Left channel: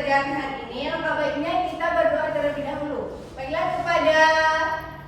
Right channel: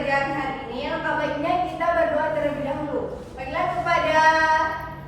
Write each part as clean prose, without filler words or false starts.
pembelajaran hari ini, alangkah baiknya kita berdoa terlebih dahulu. Baiklah, kepada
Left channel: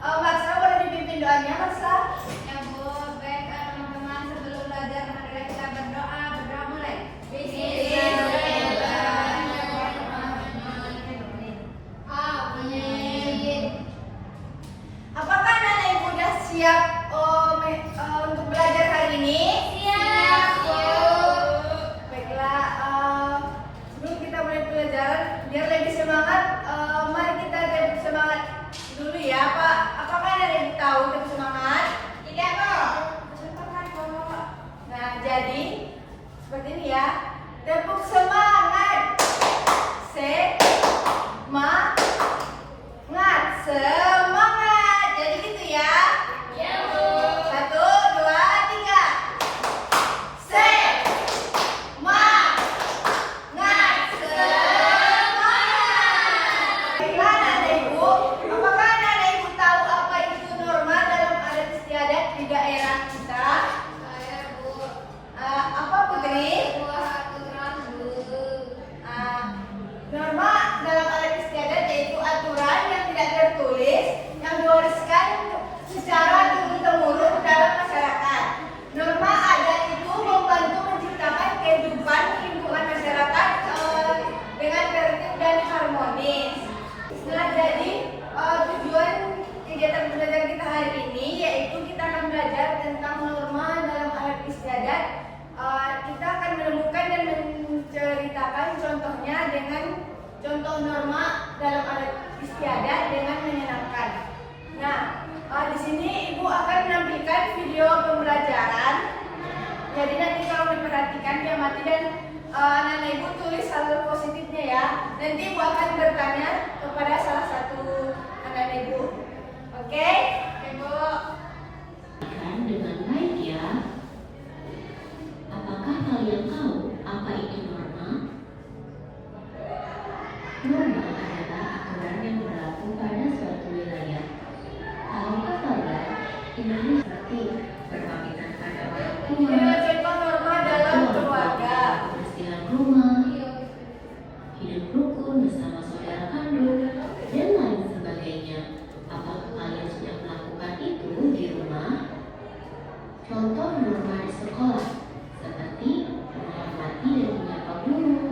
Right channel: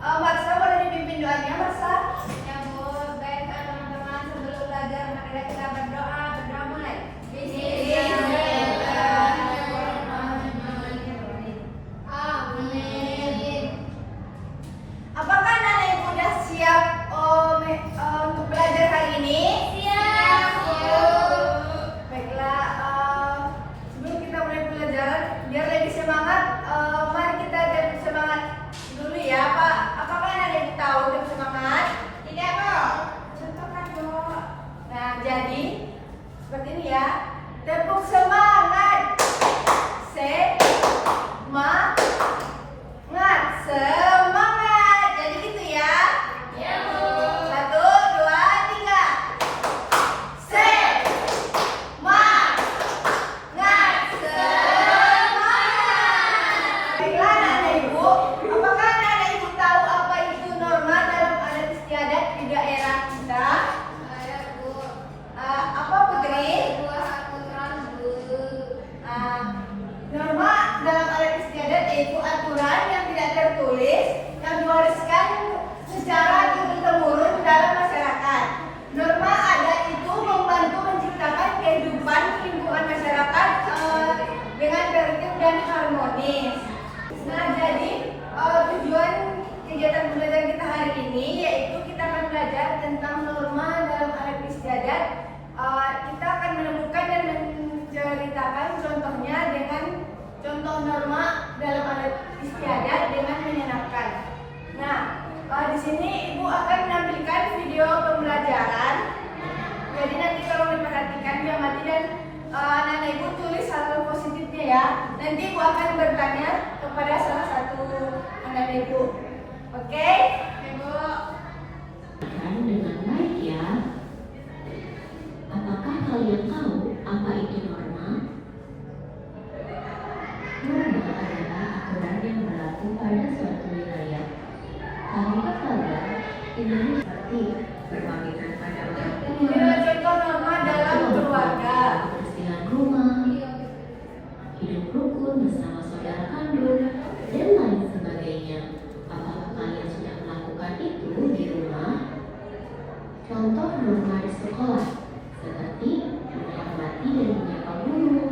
Marsa, boleh dipimpin doanya, Marsa? Ya Bu, baik teman-teman, sebelum belajar marilah kita berdoa. Berdoa mulai. Bismillahirrahmanirrahim. Amin. Apakah anak-anak ibu sudah siap untuk belajar hari ini? Siap, Bu. Baiklah, sebelum kita mulai belajar, biar lebih semangat, mari kita lebih semangat dulu ya, Pak. Apakah anak-anak ibu tahu lebih semangat? Tidak, Bu. Sebentar, Bu. Nah, jadi seperti ini ya. Tepuk semangat. Semangat. Semangat. Jadi gitu ya. Ya, Bu. 1, 2, 3. Semangat. Baiklah anak-anak ibu, apakah anak-anak ibu tahu apa itu norma dalam adat istiadat di daerah kita? Saya, Bu. Apa Putri? Norma dalam adat istiadat yaitu aturan yang tidak tertulis yang diwariskan secara turun-temurun dalam masyarakat. Norma adat itu membantu menciptakan kehidupan lingkungan masyarakat dengan tertib dan harmonis. Nah, jadi tujuan kegiatan belajar kita hari ini yaitu kita akan belajar tentang norma dalam adat istiadat. Kita akan menemukan dan menceritakan contohnya dengan contoh norma dalam adat istiadat dengan menyenangkan. Nah, di sini ibu akan menampilkan video pembelajaran. Jadi nanti kalau diperhatikan diamati dan anak-anak ibu tulis hal positifnya ya. Nanti ibu akan bertanya kepada salah satu anak-anak ibu. Oke? Ibu. Dengan baik ya. Apakah kalian tahu apa itu norma? Norma adalah aturan yang berlaku pada suatu wilayah. Tahukah kalian ini seperti berpamitan pada orang Ini tua, adalah contoh norma dalam keluarga. kebersihan rumah, hidup rukun bersama saudara kandung, dan lain sebagainya. Apakah kalian sudah melakukan itu di rumah? Contoh norma di sekolah seperti menghormati dan menyapa guru,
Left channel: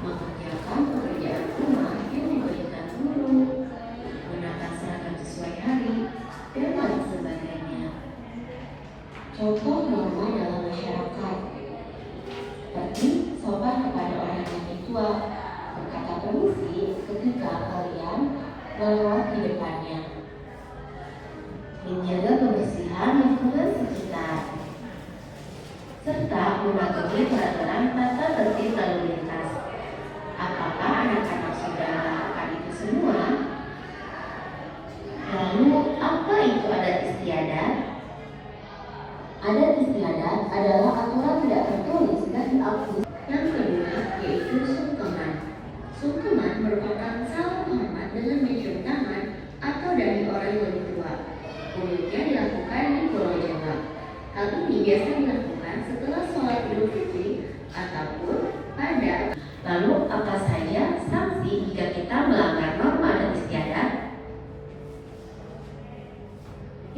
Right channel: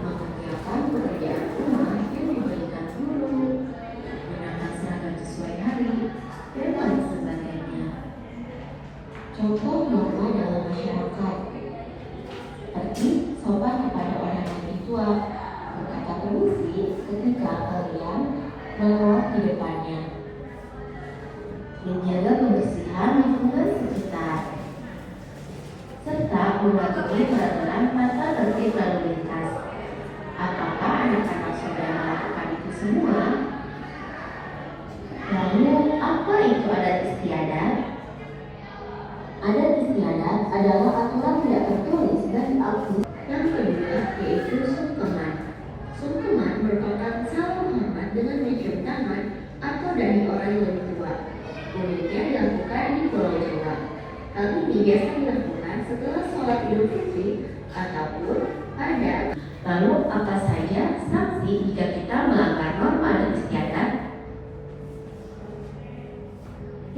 mengerjakan pekerjaan rumah yang diberikan guru, menata seragam sesuai hari, dan lain sebagainya. Contoh norma dalam masyarakat seperti sopan kepada orang yang tua, berkata permisi ketika kalian melewat di depannya, menjaga kebersihan lingkungan sekitar, serta mematuhi peraturan tata tertib lalu lintas. Apakah anak-anak sudah melakukan itu semua? Lalu, apa itu adat istiadat? Adat istiadat adalah aturan tidak tertulis dan diakui. Yang kedua yaitu sungkeman. Sungkeman merupakan salam hormat dengan mencium tangan atau dari orang yang lebih tua. Umumnya dilakukan di Pulau Jawa. Hal ini biasa dilakukan setelah sholat Idul Fitri ataupun pada. Lalu apa saja sanksi jika kita melanggar norma adat istiadat?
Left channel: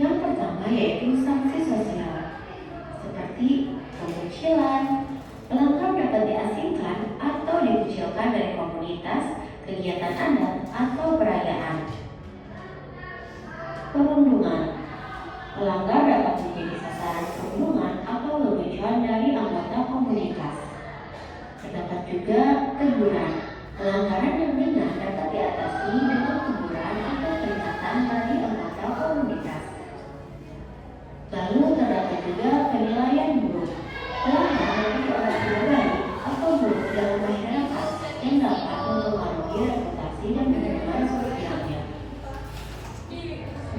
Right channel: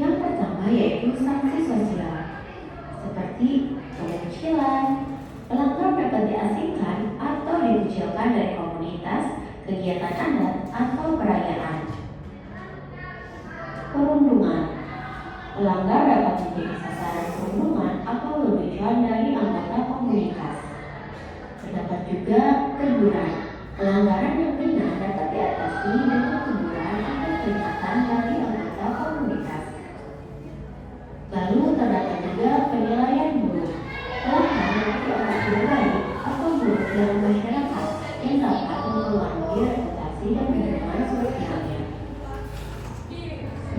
Yang pertama yaitu sanksi sosial, seperti pengecilan. Pelanggar dapat diasingkan atau dikucilkan dari komunitas, kegiatan adat, atau perayaan. Perundungan. Pelanggar dapat menjadi sasaran perundungan atau lelucon dari anggota komunitas. Terdapat juga teguran. Pelanggaran yang ringan dapat diatasi dengan teguran atau peringatan dari anggota komunitas. Lalu terdapat juga penilaian buruk. Pelanggar dapat dianggap atau buruk dalam masyarakat yang dapat mempengaruhi reputasi dan hubungan sosialnya.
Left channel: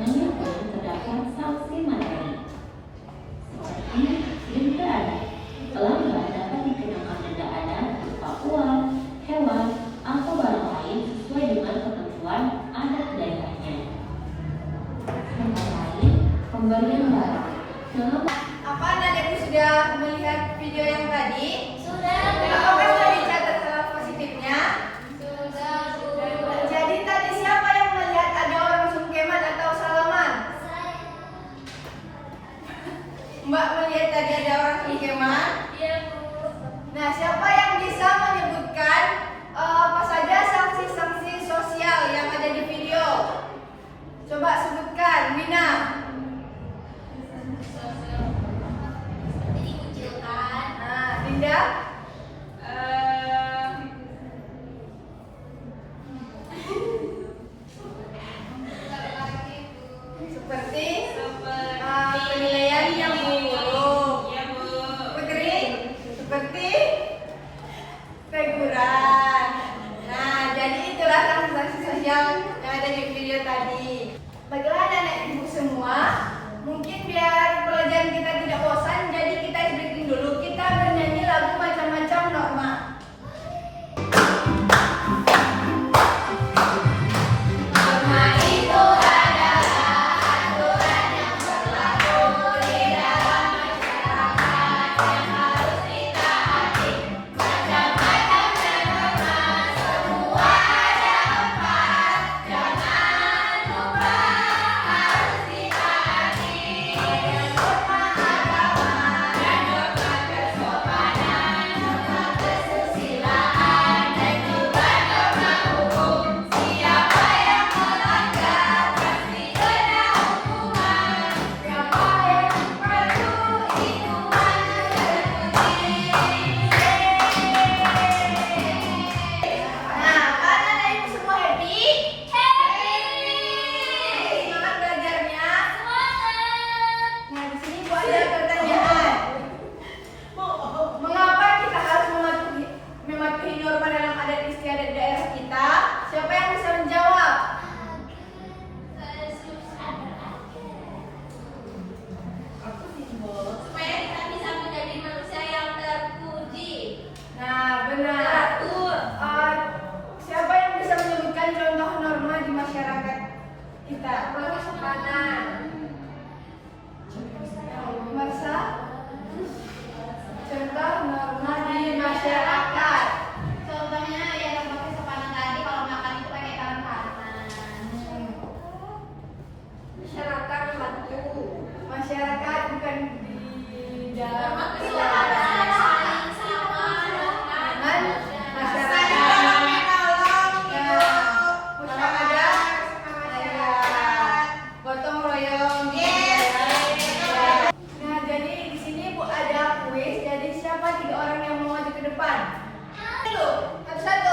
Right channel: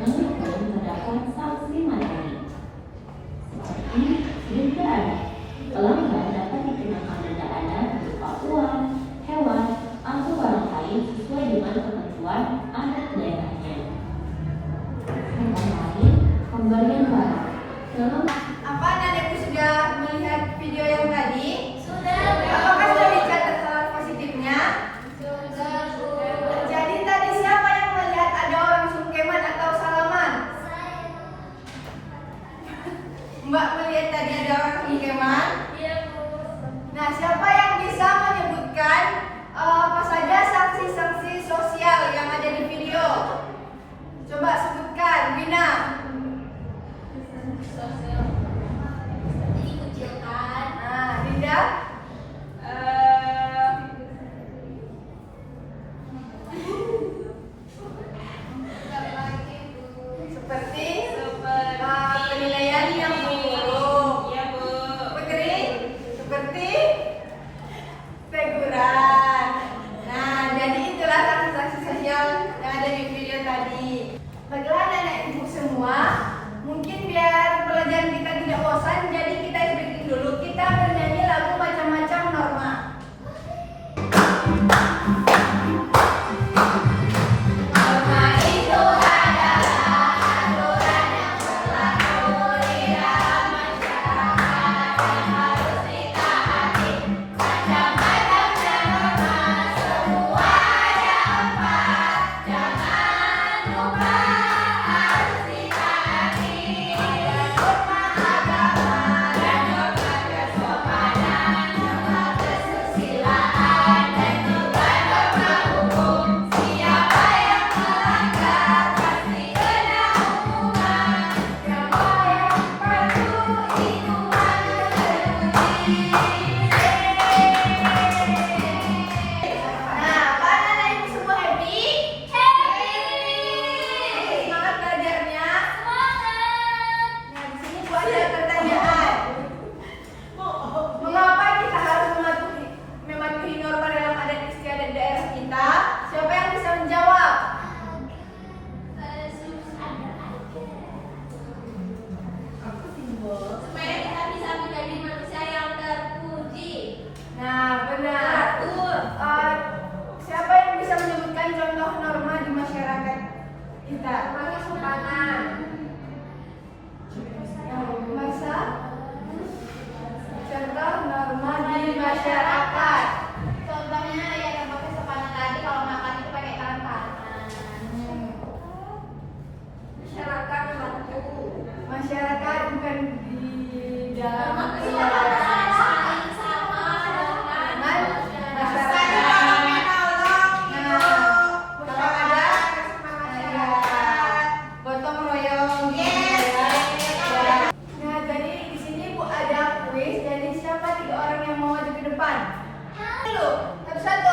Namun terdapat sanksi materi seperti denda adat. Pelanggar dapat dikenakan denda adat berupa uang, hewan, atau barang lain sesuai dengan ketentuan adat daerahnya. Contoh lain, pemberian barang. Apa anak-anak ibu sudah melihat video yang tadi? Sudah. Apakah sudah dicatat Baiklah anak ibu semua, mungkin biar pelajaran kita tidak bosan, jadi kita breaking dulu. Kita bernyanyi lagu macam-macam norma. Norma itu adalah aturan yang berlaku di dalam masyarakat yang harus ditaati. Macam-macam norma, semua ada 4. Jangan lupa harus ditaati. Norma agama dan norma kesopanan, norma kesusilaan dan juga norma hukum. Siapa yang melanggar pasti kena hukuman. Yang paling perlu itu mengerti. Nah, apakah anak ibu semua happy? Happy! Semangat belajarnya? Semangat! Nah, di sini Bu ada pertanyaan. Mengapa kita harus mematuhi norma dalam adat istiadat daerah kita? Siapa yang bisa menjawab? Supaya kita bisa menjadi manusia yang terpuji. Nah, benar. Siapa yang bisa menyebutkan contoh norma di masyarakat kita? Kesopanan. Masa? Contoh norma di masyarakat. Contohnya ya contoh kesopanan tadi kalau makan itu pakai tangan kanan. Masyarakat satu. Masyarakat bukan di dalam Kesopanan saling sama dengan masyarakat. Kalau ada gotong royong. Nah, jadi di sini Bu ada kuis. Jadi siapa 3 orang yang mau maju ke depan? Dulu, satu-satu.